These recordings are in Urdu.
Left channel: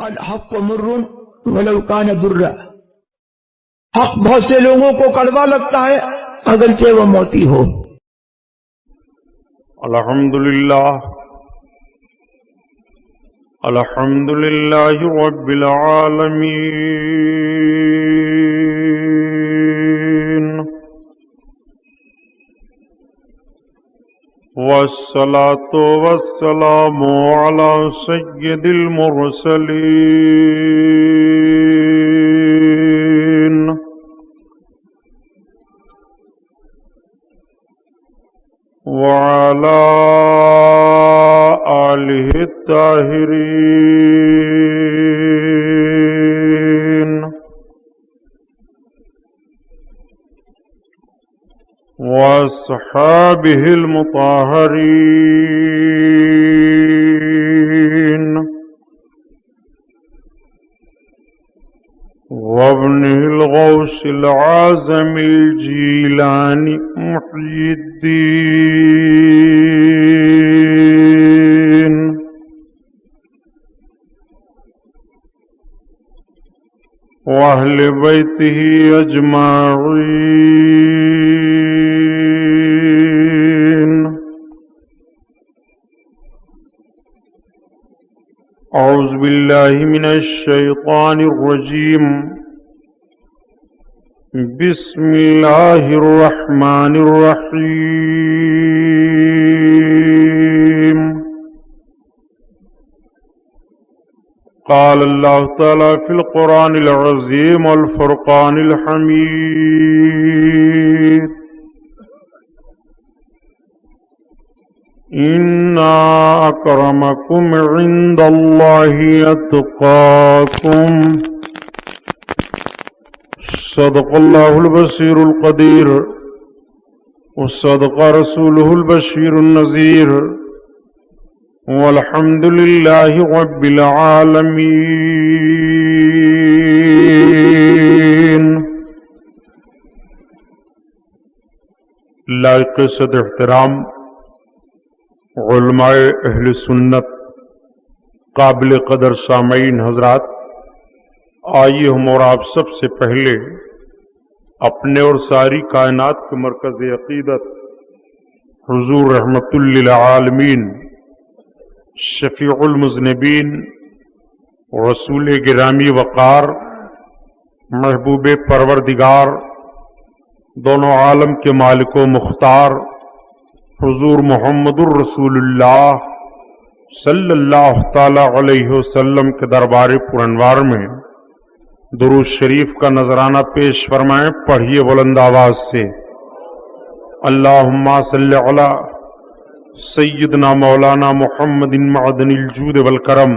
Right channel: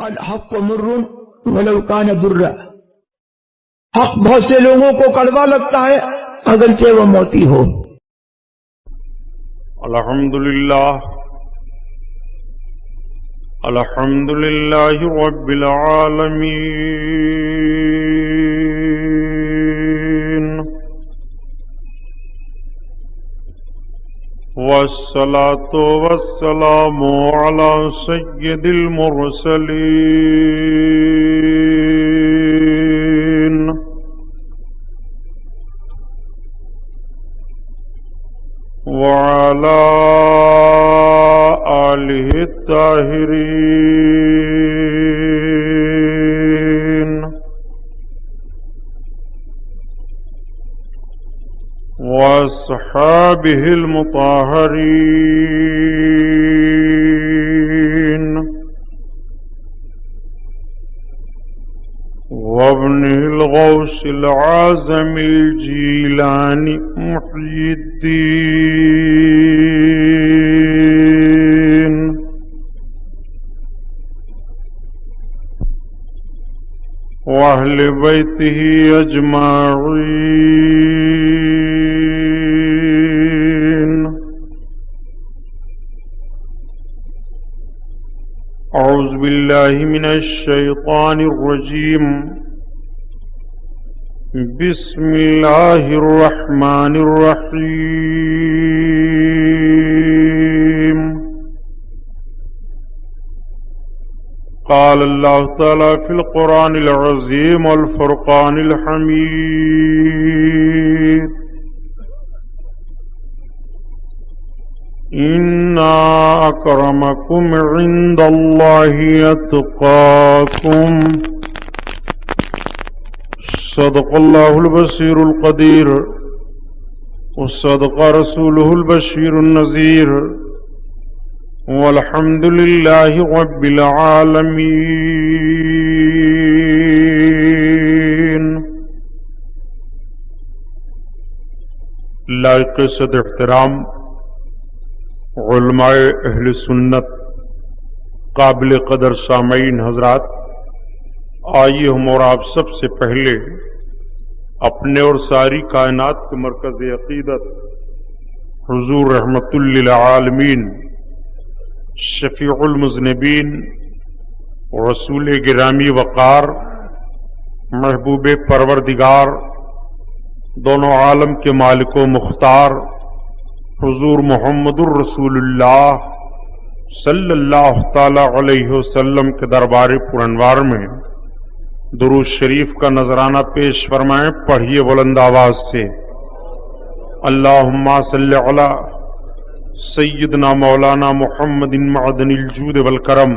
الحق مر ولو كان ضرا، حق بہت سے لوگوں کو کڑوا لگتا ہے اگرچہ وہ موتی ہو۔ الحمدللہ الحمدللہ رب العالمین، والصلاة والسلام على سید المرسلین، وعلى آلہ الطاہرین، واصحابہ المطہرین، وابن الغوث العظم الجیلانی محی الدین، واہل بیتہ اجمعین۔ اعوذ باللہ من الشیطان الرجیم، بسم اللہ الرحمن الرحیم۔ قال اللہ تعالی فی القرآن العظیم والفرقان الحمید، ان اکرمکم عند اللہ اتقاکم، صدق اللہ البصیر القدیر، وصدق رسولہ البشیر النذیر، والحمد للہ رب العالمین۔ لائق صد احترام علماء اہل سنت، قابل قدر سامعین حضرات، آئیے ہم اور آپ سب سے پہلے اپنے اور ساری کائنات کے مرکز عقیدت حضور رحمت للعالمین، شفیع المذنبین، رسول گرامی وقار، محبوب پروردگار، دونوں عالم کے مالک و مختار حضور محمد الرسول اللہ صلی اللہ تعالی علیہ وسلم کے دربار پرانوار میں درود شریف کا نذرانہ پیش فرمائیں۔ پڑھیے بلند آواز سے، اللہم صلی علی سیدنا مولانا محمد معدن الجود والکرم،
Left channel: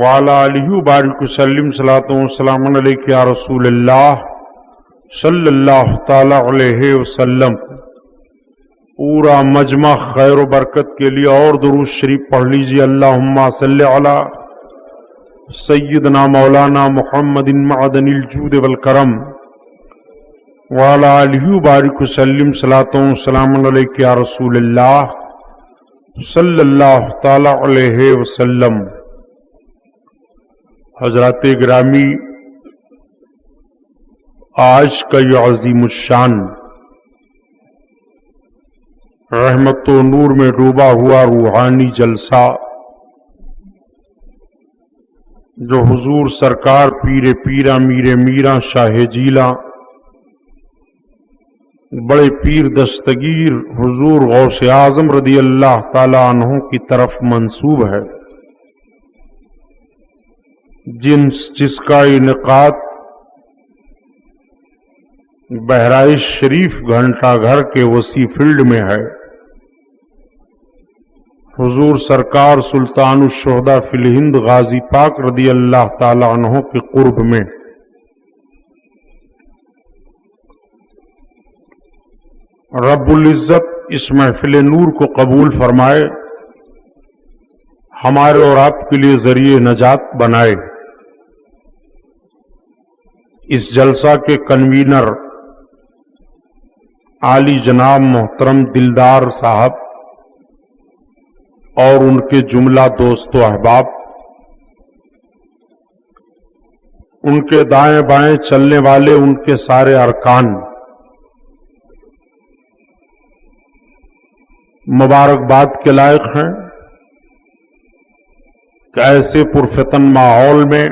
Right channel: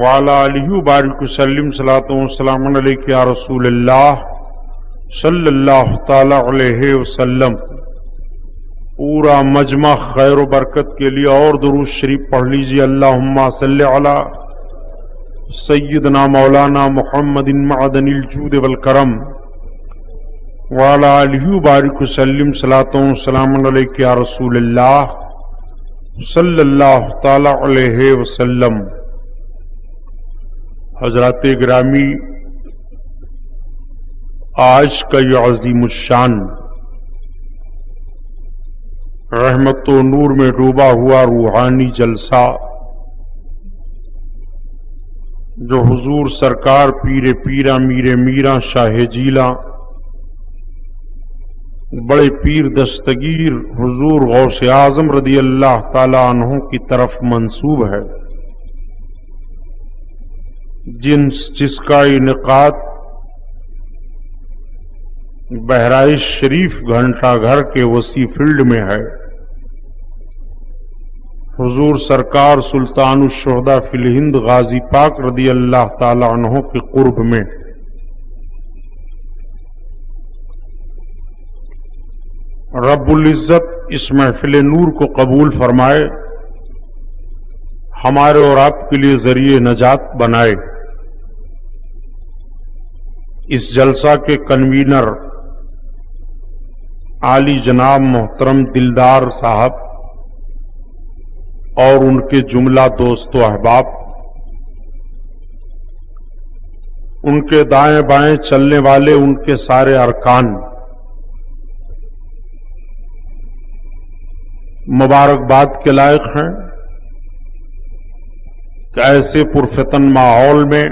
وعلی آلہ وبارک وسلم، صلاۃ و سلام علیک یا رسول اللہ صلی اللہ تعالی علیہ وسلم۔ پورا مجمع خیر و برکت کے لیے اور درود شریف پڑھ لیجیے، اللہم صلی علی سیدنا مولانا محمد معدن الجود والکرم، وعلی آلہ وبارک وسلم، صلاۃ و سلام علیک یا رسول اللہ صلی اللہ تعالی علیہ وسلم۔ حضرات گرامی، آج کا یہ عظیم الشان رحمت و نور میں ڈوبا ہوا روحانی جلسہ، جو حضور سرکار پیر پیرا میر میرا شاہ جیلا بڑے پیر دستگیر حضور غوث اعظم رضی اللہ تعالی عنہ کی طرف منسوب ہے، جس کا انعقاد بہرائچ شریف گھنٹہ گھر کے وسیع فیلڈ میں ہے۔ حضور سرکار سلطان الشہداء فی الہند غازی پاک رضی اللہ تعالی عنہ کے قرب میں۔ رب العزت اس محفل نور کو قبول فرمائے، ہمارے اور آپ کے لیے ذریعہ نجات بنائے۔ اس جلسہ کے کنوینر عالی جناب محترم دلدار صاحب اور ان کے جملہ دوست و احباب، ان کے دائیں بائیں چلنے والے ان کے سارے ارکان مبارکباد کے لائق ہیں کہ ایسے پرفتن ماحول میں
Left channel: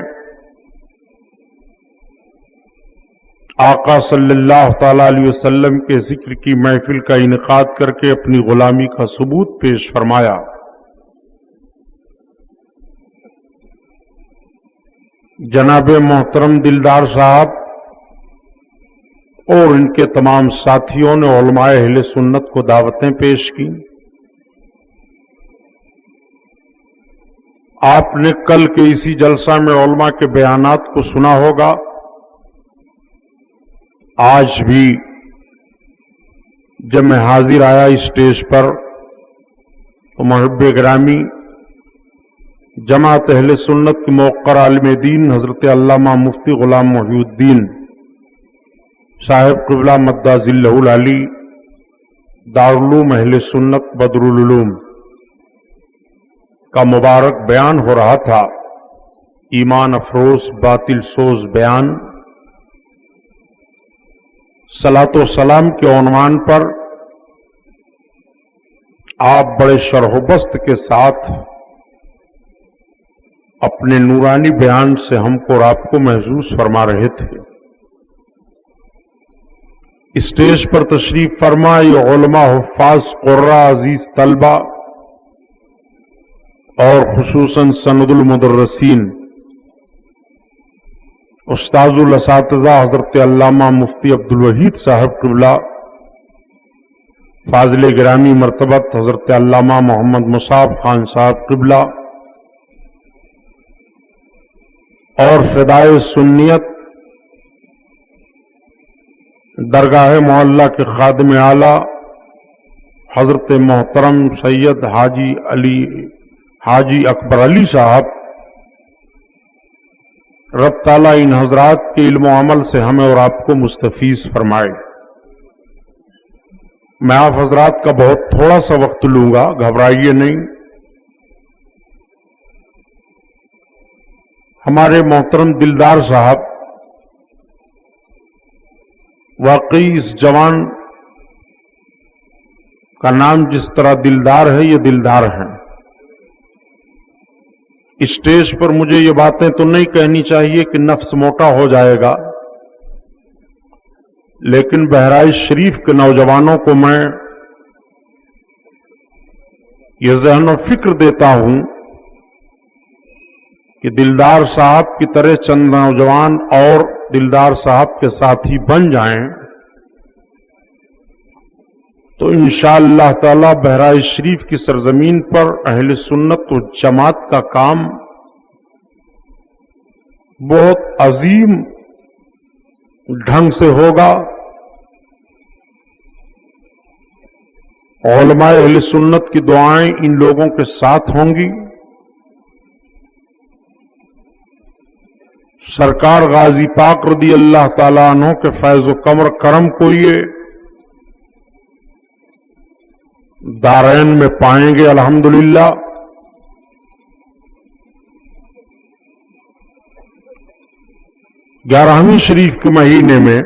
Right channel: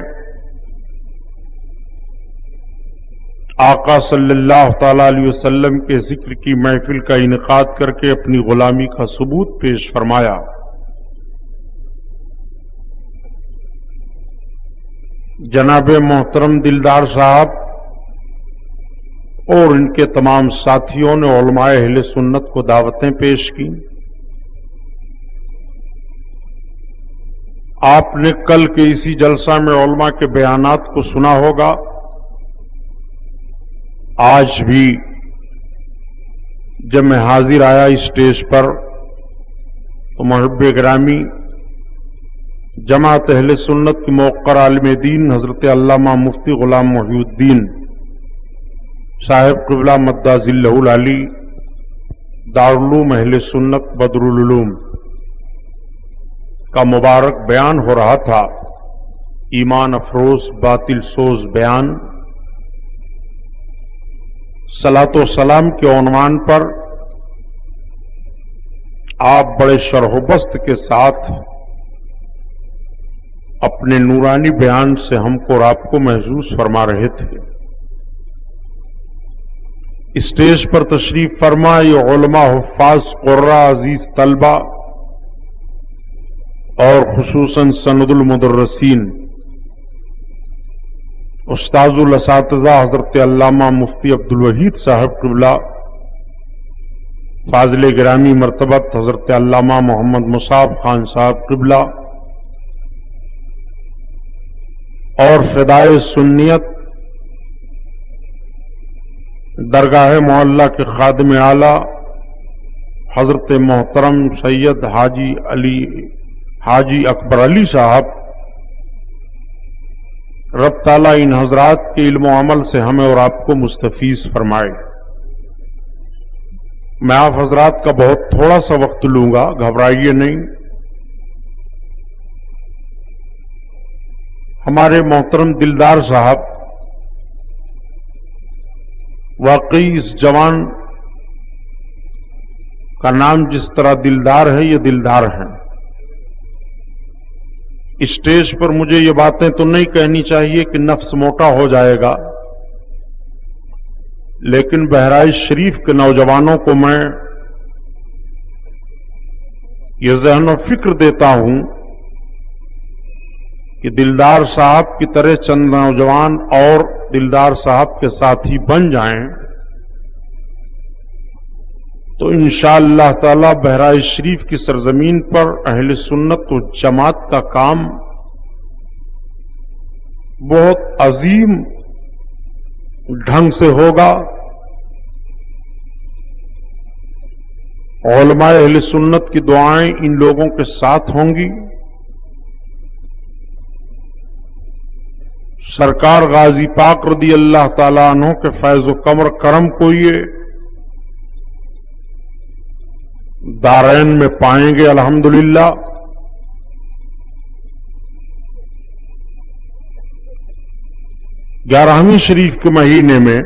آقا صلی اللہ تعالی علیہ وسلم کے ذکر کی محفل کا انعقاد کر کے اپنی غلامی کا ثبوت پیش فرمایا۔ جناب محترم دلدار صاحب اور ان کے تمام ساتھیوں نے علماء اہل سنت کو دعوتیں پیش کی۔ آپ نے کل کے اسی جلسہ میں علماء کے بیانات کو سنا ہوگا۔ آج بھی جب میں حاضر آیا اسٹیج پر تو محب گرامی جماعت اہل سنت کے موقر عالم دین حضرت علامہ مفتی غلام محی الدین صاحب قبلہ مدہ ذلہ العلی دارالعلوم اہل سنت بدرالعلوم کا مبارک بیان ہو رہا تھا، ایمان افروز باطل سوز بیان، صلاۃ و سلام کے عنوان پر آپ بڑے شرح و بست کے ساتھ اپنے نورانی بیان سے ہم کو اور آپ کو محظوظ فرما رہے تھے۔ اسٹیج پر تشریف فرما یہ علماء، حفاظ، قراء، عزیز طلبہ اور خصوصاً سند المدرسین استاذ الاساتذہ حضرت علامہ مفتی عبدالوحید صاحب قبلہ، فاضل گرامی مرتبت حضرت علامہ محمد مصعب خان صاحب قبلہ اور فدائے سنیت درگاہ محلہ کے خادم اعلی حضرت محترم سید حاجی اکبر علی صاحب، رب تعالیٰ ان حضرات کے علم و عمل سے ہمیں اور آپ کو مستفیض فرمائے۔ میں آپ حضرات کا بہت تھوڑا سا وقت لوں گا، گھبرائیے نہیں۔ ہمارے محترم دلدار صاحب واقعی اس جوان کا نام جس طرح دلدار ہے، یہ دلدار ہیں۔ اسٹیج پر مجھے یہ باتیں تو نہیں کہنی چاہیے کہ نفس موٹا ہو جائے گا، لیکن بہرائچ شریف کے نوجوانوں کو میں یہ ذہن و فکر دیتا ہوں کہ دلدار صاحب کی طرح چند نوجوان اور دلدار صاحب کے ساتھی بن جائیں تو انشاءاللہ تعالی بہرائچ شریف کی سرزمین پر اہل سنت و جماعت کا کام بہت عظیم ڈھنگ سے ہوگا۔ علماء اہل سنت کی دعائیں ان لوگوں کے ساتھ ہوں گی۔ سرکار غازی پاک رضی اللہ تعالیٰ عنہ کے فیض و کرم کو یہ دارین میں پائیں گے الحمدللہ۔ گیارہویں شریف کے مہینے میں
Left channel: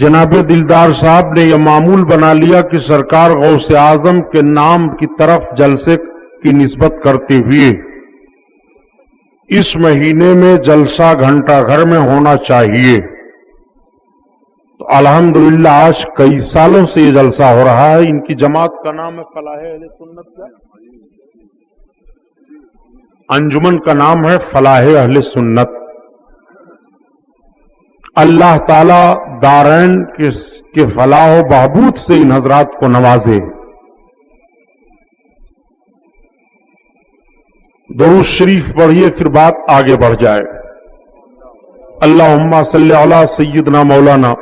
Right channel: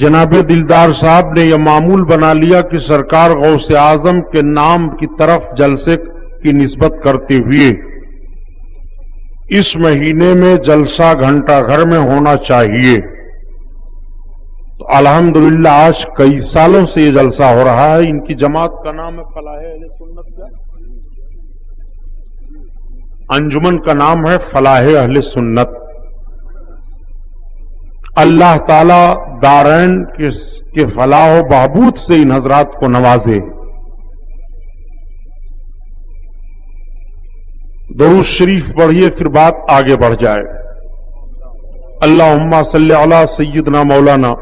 جناب دلدار صاحب نے یہ معمول بنا لیا کہ سرکار غوث اعظم کے نام کی طرف جلسے کی نسبت کرتے ہوئے اس مہینے میں جلسہ گھنٹہ گھر میں ہونا چاہیے۔ تو الحمدللہ آج کئی سالوں سے یہ جلسہ ہو رہا ہے۔ ان کی جماعت کا نام ہے فلاح اہل سنت کا، انجمن کا نام ہے فلاح اہل سنت۔ اللہ تعالی دارین کے فلاح و بہبود سے ان حضرات کو نوازے۔ درود شریف پڑھیے پھر بات آگے بڑھ جائے۔ اللہم صلی علی سیدنا مولانا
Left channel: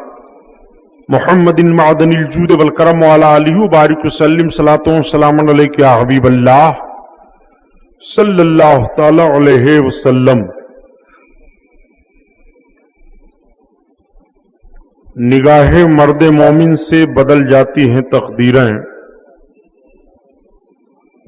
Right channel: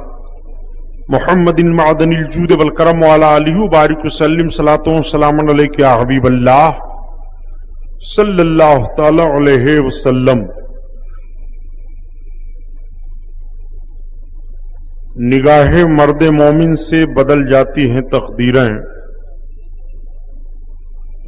محمد معدن الجود والکرم وعلی آلہ وبارک وسلم صلاۃ و سلام علیک یا حبیب اللہ صلی اللہ تعالی علیہ وسلم۔ نگاہ مرد مومن سے بدل جاتی ہیں تقدیریں،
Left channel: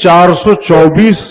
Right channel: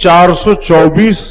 424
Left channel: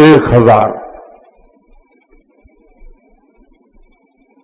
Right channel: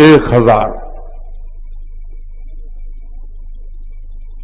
1000।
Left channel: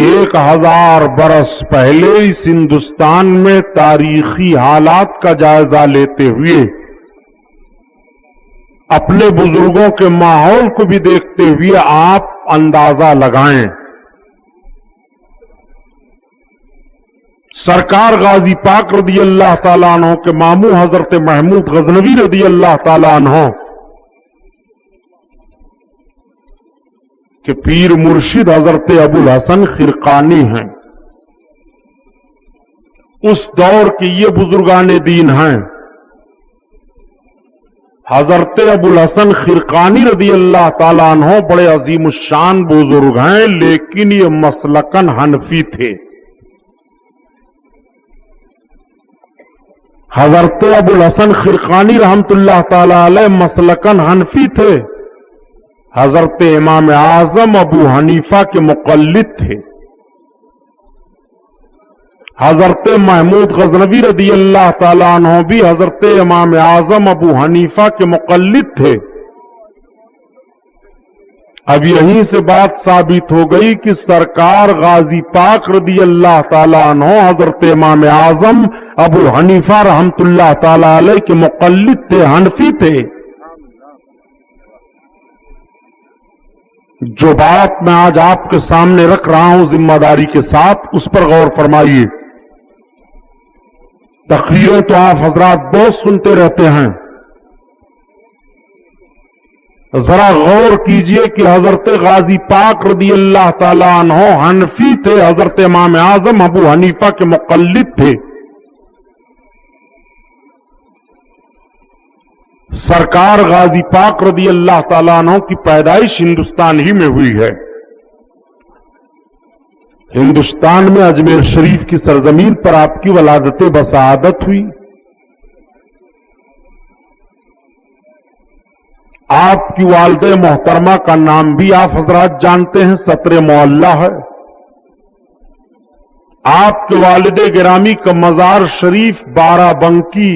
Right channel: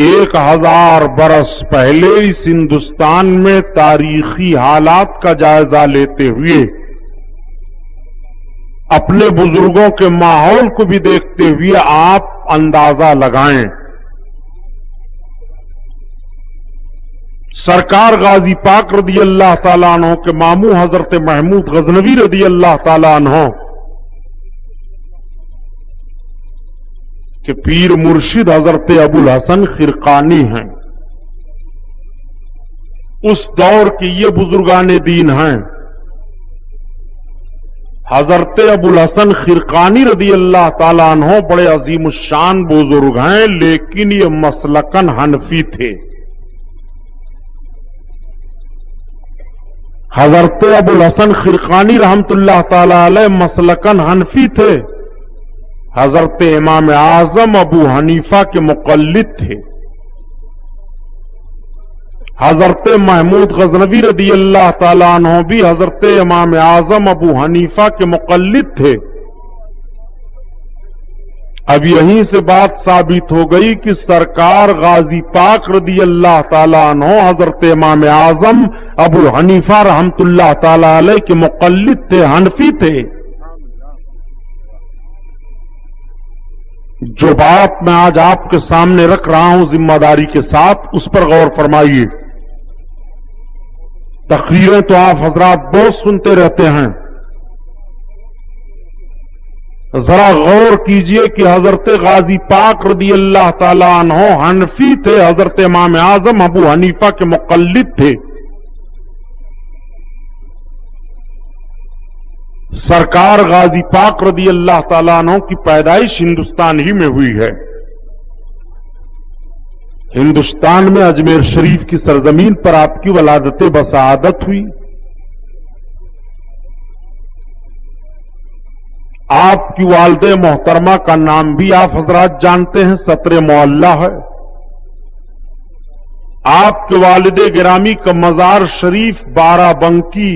1000 برس پہلے اس ہندوستان میں تاریخی حالات کا جائزہ لیتے ہوئے اپنے بزرگوں کے ماحول کو بھی دیکھتے ہوئے آپ اندازہ لگائیں. سرکار غازی پاک رضی اللہ تعالیٰ عنہ کے ماموں حضرت محمود غزنوی رضی اللہ تعالیٰ عنہ کہ پیر مرشد حضرت ابو الحسن خرقانی ہیں. اس دور کے یہ بزرگان دین ہیں. حضرت ابو الحسن خرقانی رضی اللہ تعالیٰ عنہ بڑے عظیم الشان بزرگ ہیں، لیکن یہ مسلکن حنفی تھے. حضرت ابو الحسن خرقانی رحمت اللہ تعالی علیہ مسلکن حنفی تھے. حضرت امام اعظم ابو حنیفہ کے مقلد تھے. حضرت محمود غزنوی رضی اللہ تعالیٰ عنہ بھی حضرت امام اعظم ابو حنیفہ کے مقلد تھے. اب یہیں سے بات ثابت ہو گئی کہ سرکار غازی پاک رضی اللہ تعالیٰ عنہ حضرت امام اعظم ابو حنیفہ رحمت اللہ تعالیٰ علیہ کے مقلد تھے، حنفی تھے. جو بات میں آج آپ کے سامنے رکھ رہا ہوں ذمہ داری کے ساتھ، اس پر غور فرمائیے. تقریریں تو آپ حضرات بہت سنتے رہتے ہیں، ذرا غور کیجئے کہ حضرت غازی پاک رضی اللہ تعالیٰ عنہ حنفی تھے، حضرت امام اعظم ابو حنیفہ کے مقلد تھے. سرکار غازی پاک رضی اللہ تعالیٰ عنہ کی پیدائش ہندوستان ہی میں ہوئی ہے. ہندوستان میں اجمیر شریف کی سرزمین پر آپ کی ولادت بسعادت ہوئی. آپ کی والد محترمہ کا نام بھی آپ حضرات جانتے ہیں، ستر معلہ ہے. آپ کے والد گرامی کا مزار شریف بارہ بنکی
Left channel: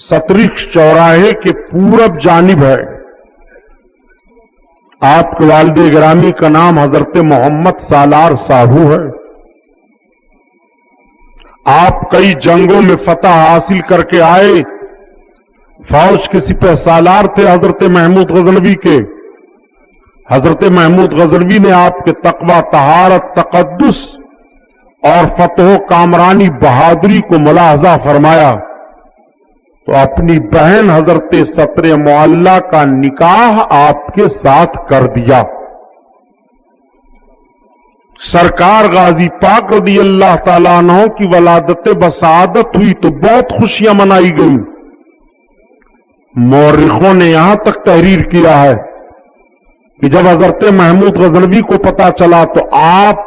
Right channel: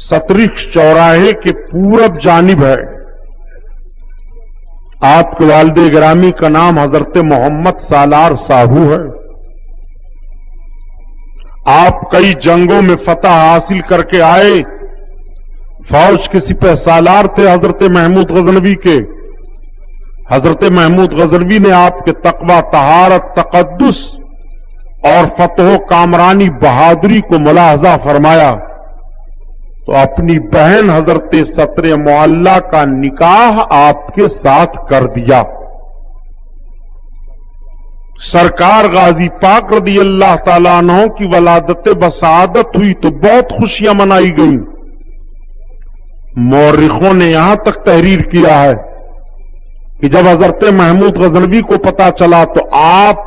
سترک چوراہے کے پورب جانب ہے. آپ کے والد گرامی کا نام حضرت محمد سالار ساہو ہے. آپ کئی جنگوں میں فتح حاصل کر کے آئے. فوج کے سپہ سالار تھے حضرت محمود غزنوی کے. حضرت محمود غزنوی نے آپ کے تقوی، طہارت، تقدس اور فتح و کامرانی بہادری کو ملاحظہ فرمایا تو اپنی بہن حضرت ستر معلہ کا نکاح آپ کے ساتھ کر دیا. سرکار غازی پاک رضی اللہ تعالیٰ عنہ کی ولادت بسعادت ہوئی تو بہت خوشیاں منائی گئیں. مورخوں نے یہاں تک تحریر کیا ہے کہ جب حضرت محمود غزنوی کو پتا چلا تو آپ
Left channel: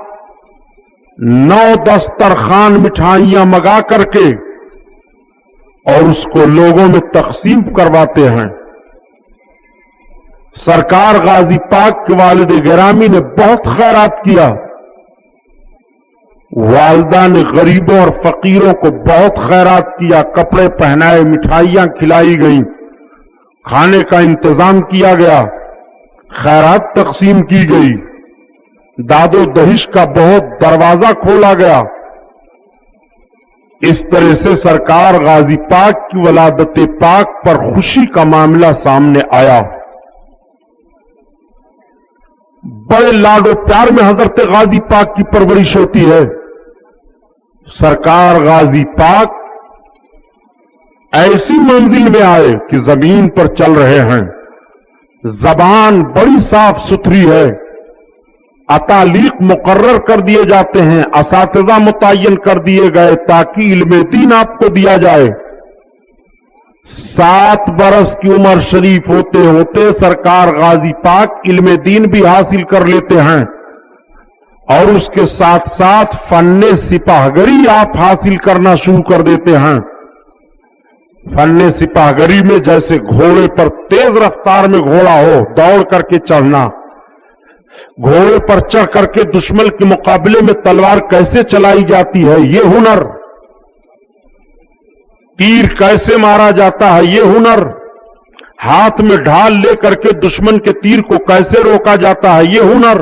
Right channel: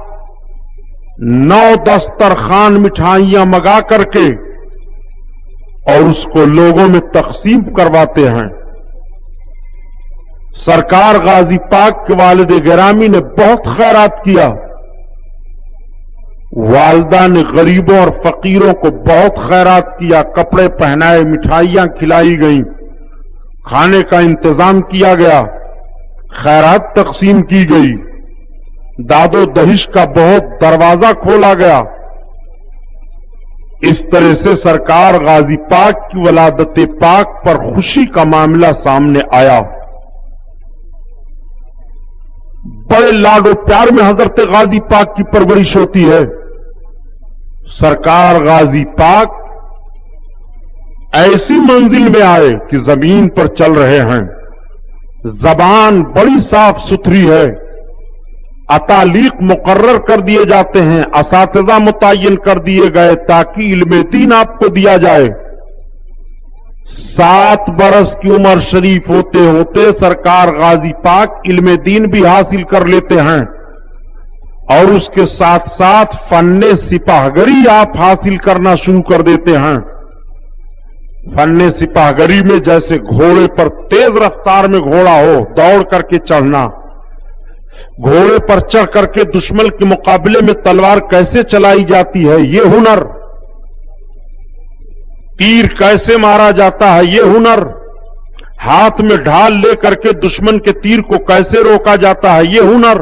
9 دسترخوان مٹھائیاں منگا کر کے اور اس کو لوگوں میں تقسیم کرواتے ہیں. سرکار غازی پاک کے والد گرامی نے بہت خیرات کیا. والدہ نے غریبوں اور فقیروں کو بہت خیرات کیا. کپڑے پہنائے، مٹھائیاں کھلائی گئیں، کھانے کا انتظام کیا گیا، خیرات تقسیم کی گئی، داد و دہش کا بہت دروازہ کھولا گیا. اس طرح سے سرکار غازی پاک کی ولادت پاک پر خوشی کا معاملہ سامنے آیا. بڑے لاڈ و پیار میں حضرت غازی پاک کی پرورش ہوتی ہے. سرکار غازی پاک ایسی منزل میں آئے کہ زمین پر چل رہے ہیں. زبان بڑی صاف ستھری ہے. اتالیق مقرر کر دیے جاتے ہیں، اساتذہ متعین کر دیے گئے تاکہ علم دین آپ کو دیا جائے. 7 برس کی عمر شریف ہوتے ہوتے سرکار غازی پاک علم دین بھی حاصل کر لیتے ہیں اور اس کے ساتھ ساتھ فن سپاہگری آپ حاصل کرنا شروع کر دیتے ہیں. فن سپاہگری میں جیسے گھوڑے پر تیز رفتار میں گھوڑا ہو، دوڑ کر کے چڑھنا، گھوڑے پر چڑھ کر کے دشمن کے مقابلے میں تلوار کیسے چلائی جاتی ہے یہ ہنر، تیر کیسے مارا جاتا ہے یہ ہنر، ہاتھ میں ڈھال لے کر کے دشمن کے تیر کو کیسے روکا جاتا ہے یہ ہنر،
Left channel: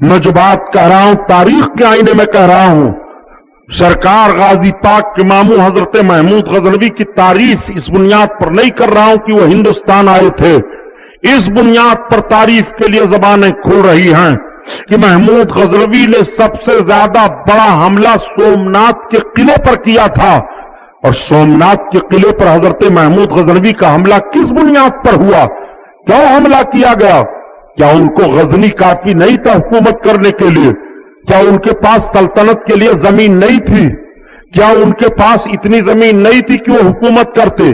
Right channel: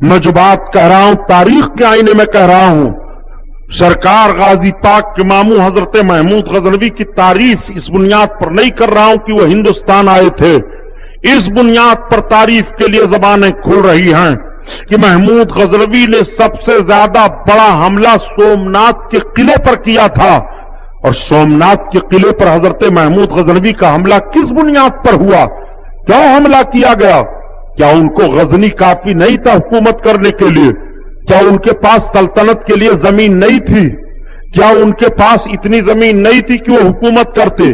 میں جو بات کہہ رہا ہوں تاریخ کے آئینے میں کہہ رہا ہوں. سرکار غازی پاک کے ماموں حضرت محمود غزنوی کی تعریف اس بنیاد پر نہیں کر رہا ہوں کہ وہ ہندوستان آئے تھے. اس بنیاد پر تعریف کے لیے زبانیں کھل رہی ہیں کہ محمود غزنوی نے سب سے زیادہ بڑا حملہ سومناتھ کے قلعے پر کیا تھا. اور سومناتھ کے قلعے پر حضرت محمود غزنوی کا حملہ کس بنیاد پر ہوا؟ کیوں حملہ کیا گیا؟ کیا ان کو غزنی کافی نہیں تھا حکومت کرنے کے لیے؟ کیا ان کے پاس سلطنت کے لیے زمین نہیں تھی؟ کیا ان کے پاس اتنی زمین نہیں تھی کہ وہ حکومت کرتے؟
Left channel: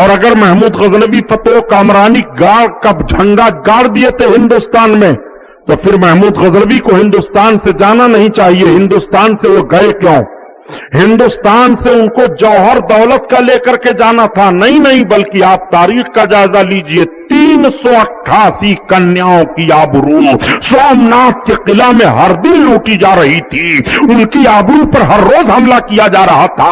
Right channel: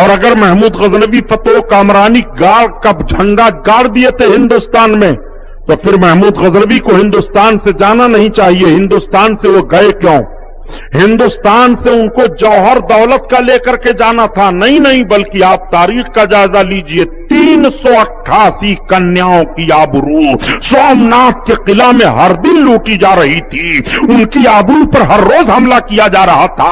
اور اگر محمود غزنوی فتح و کامرانی کا جھنڈا گاڑ دیے تھے ہندوستان میں تو پھر محمود غزنوی کو ہندوستان سے جانا نہیں چاہیے. ہندوستان سے وہ گئے کیوں؟ ہندوستان سے ان کو جوہر دولت کا لے کر کے جانا تھا. نہیں بلکہ آپ تاریخ کا جائزہ لیجئے. 388 کنیاؤں کی آبرو سومناتھ کے قلعہ میں ہر دن لوٹی جا رہی تھی. ان کی آبرو پر ہر روز حملہ کیا جا رہا تھا.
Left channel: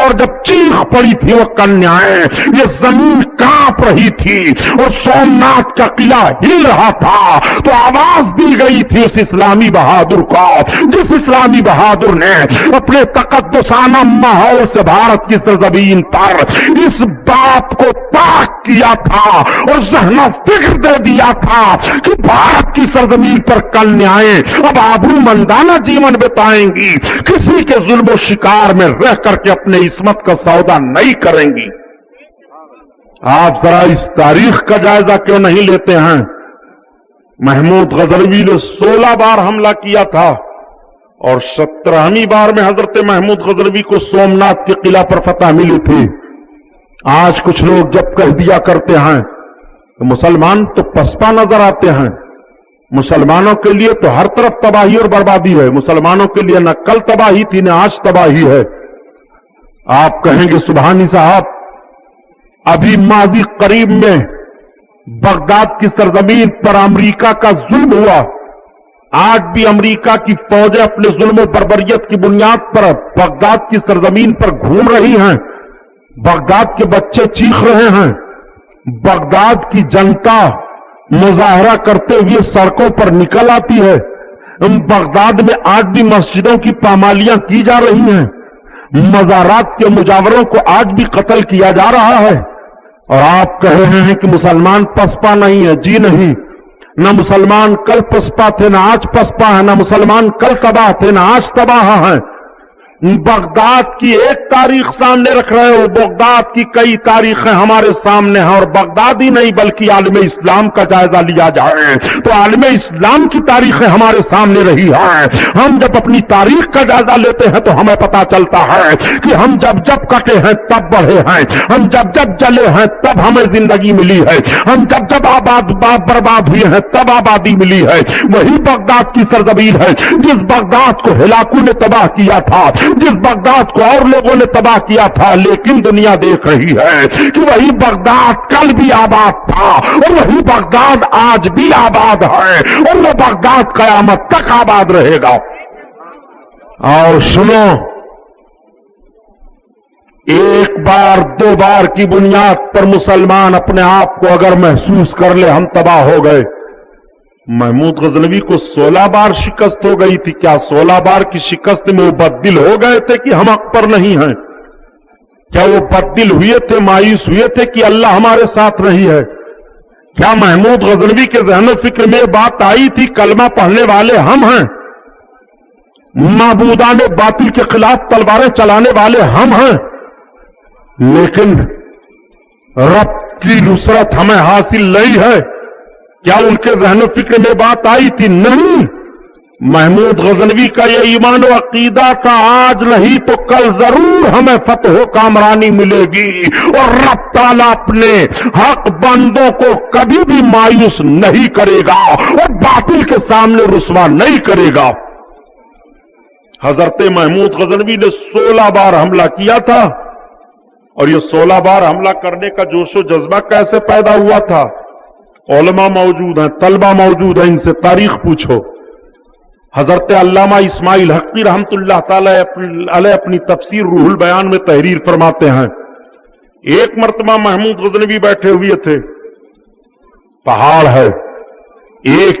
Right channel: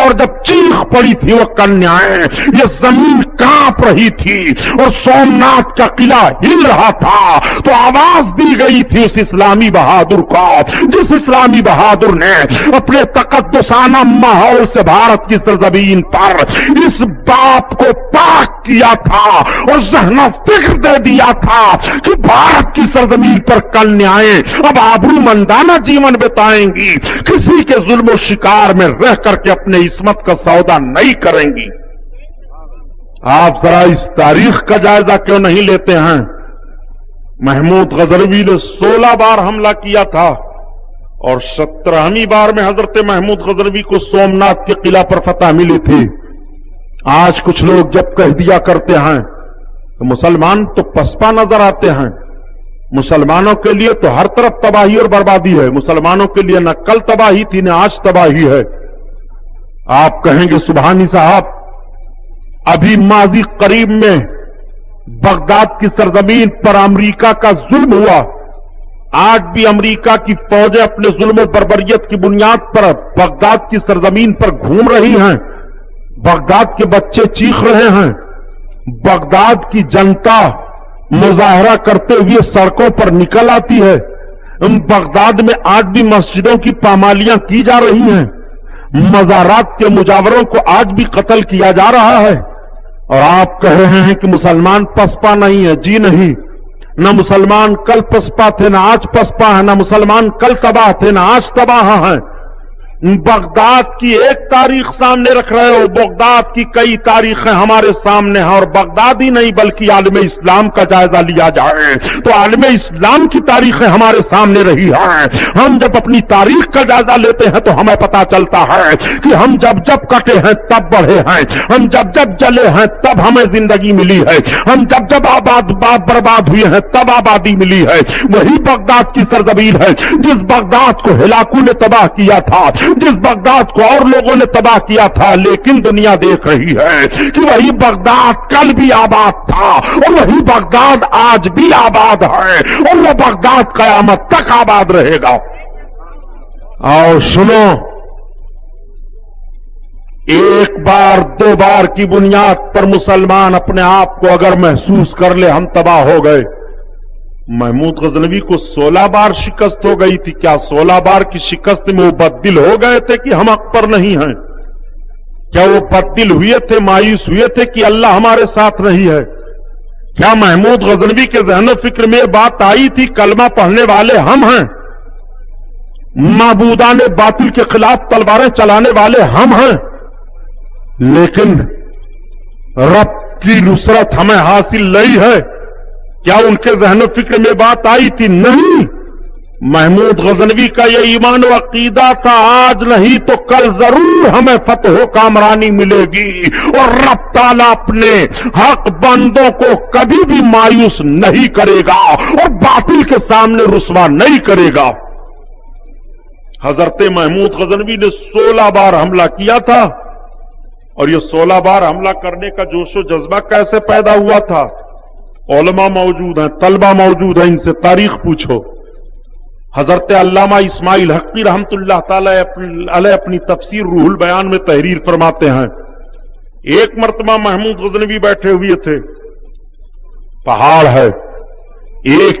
اور جب چیخ پڑی تھی وہ کنیائیں، یہ زمین کانپ رہی تھی اور سومناتھ کا قلعہ ہل رہا تھا تو آواز دی گئی تھی اس اسلامی بہادر کو، جس اسلامی بہادر نے اپنے تقدسانہ ماحول سے بھارت کی سرزمین پر اس بات کو پاک کیا تھا اور ذہن و فکر دے دیا تھا کہ بھارت کی سرزمین پر کنیائیں اب آبرو مندانہ جیون بتائیں گی، کسی کے ظلم و شکار میں رہ کر کے اپنے عصمت کا سودا نہیں کریں گی. آپ ذرا اس تاریخ کا جائزہ کیوں نہیں لیتے ہیں؟ محمود غزنوی نے 16 بار حملہ کیا تھا اور 17ویں بار میں حضرت محمود غزنوی کو سومناتھ کے قلعہ پر فتح ملی تھی. آج کچھ لوگ جب کہہ دیا کرتے ہیں تو مسلمان تو پسپا نظر آتے ہیں، مسلمانوں کے لیے تو ہر طرف تباہی اور بربادی ہے، مسلمانوں کے لیے نہ کل تباہی تھی نہ آج تباہی ہے. آپ کہیں گے سبحانی صاحب، ابھی ماضی قریب میں بغداد کی سرزمین پر امریکہ کا ظلم ہوا. آج بھی امریکہ کی فوجیں اپنے ظلم و بربریت کی بنیاد پر بغداد کی سرزمین پر گھوم رہی ہیں. بغداد کے بچے چیخ رہے ہیں، بغداد کی جنتا مظاہرہ کرتے ہوئے سڑکوں پر نکل آتی ہے. بغداد میں آج بھی مسجدوں کی پامالیاں کی جا رہی ہیں، مزارات کے مجاوروں کو آج بھی قتل کیا جا رہا ہے. اور آپ کہہ رہے ہیں کہ مسلمان پسپا نہیں ہے. جی نہیں، نہ مسلمان کل پسپا تھے نہ آج پسپا ہے، نہ مسلمان کل تباہ تھے نہ آج تباہ ہیں. بغداد کی ایک تاریخ سامنے رکھ رہے ہو، بغداد کی کئی تاریخیں ہمارے سامنے ہیں. اور بغداد ہی نہیں بلکہ عالم اسلام کا جائزہ لیا جائے تو عالم اسلام کی تاریخیں ہمارے سامنے رہی ہیں. ہم جب اپنی تاریخ کا جائزہ لیتے ہیں تو ہمیں پتا چلتا ہے کہ ہم جب جب کٹے ہیں تب بڑھے ہیں، ہم جب جب جلے ہیں تب ہمیں زندگی ملی ہے، ہم جب جب برباد ہوئے ہیں تب آبادی ملی ہے. وہی بغداد کی سرزمین ہے جس بغداد کو ہلاکو نے تباہ کیا تھا، جس بغداد کو اور لوگوں نے تباہ کیا تھا. لیکن دنیا دیکھ رہی ہے کہ وہی بغداد کل بھی آباد تھا اور وہی بغداد آج بھی آباد ہے اور وہ بغداد قیامت تک آباد رہے گا. اور سنو، ایک بار دو بار کی بنیاد پر مسلمان اپنے آپ کو اگر محسوس کر لے ہم تباہ ہو گئے. محمود غزنوی کو 16 بار شکست ہو گئی تھی. کیا 16 بار کی شکست میں وہ بددل ہو گئے تھے کہ ہم حق پر نہیں ہیں؟ کیا وہ بددل ہوئے تھے، مایوس ہوئے تھے کہ اللہ ہمارے ساتھ نہیں ہے؟ کیا محمود غزنوی کے ذہن و فکر میں بات آئی تھی کلمہ پڑھنے والے ہم ہیں، معبودان باطل کے خلاف تلواریں چلانے والے ہم ہیں، لیکن رب کی نصرت ہمیں حاصل نہیں ہے؟ کیا ان کے ذہن و فکر میں بات آئی تھی؟ نہیں. محمود غزنوی کا یہ ایمان و عقیدہ تھا، آج نہیں تو کل ضرور ہمیں فتح و کامرانی ملے گی اور رب تعالیٰ اپنے حق بندوں کو کبھی بھی مایوس نہیں کرے گا اور باطل کے سامنے رسوا نہیں کرے گا. حضرت محمود غزنوی نے 16 بار حملہ کیا تھا. اور یہ 16 بار حملہ کرنے کا جوش و جذبہ کیسے پیدا ہوا تھا؟ علماء موجود ہیں، طلبہ موجود ہیں، ان سے تاریخ پوچھو. حضرت علامہ اسماعیل حقی رحمت اللہ تعالی علیہ اپنی تفسیر روح البیان میں تحریر فرماتے ہیں، ایک مرتبہ محمود غزنوی بیٹھے ہوئے تھے، پہاڑ ہے، ایک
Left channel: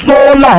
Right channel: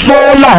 16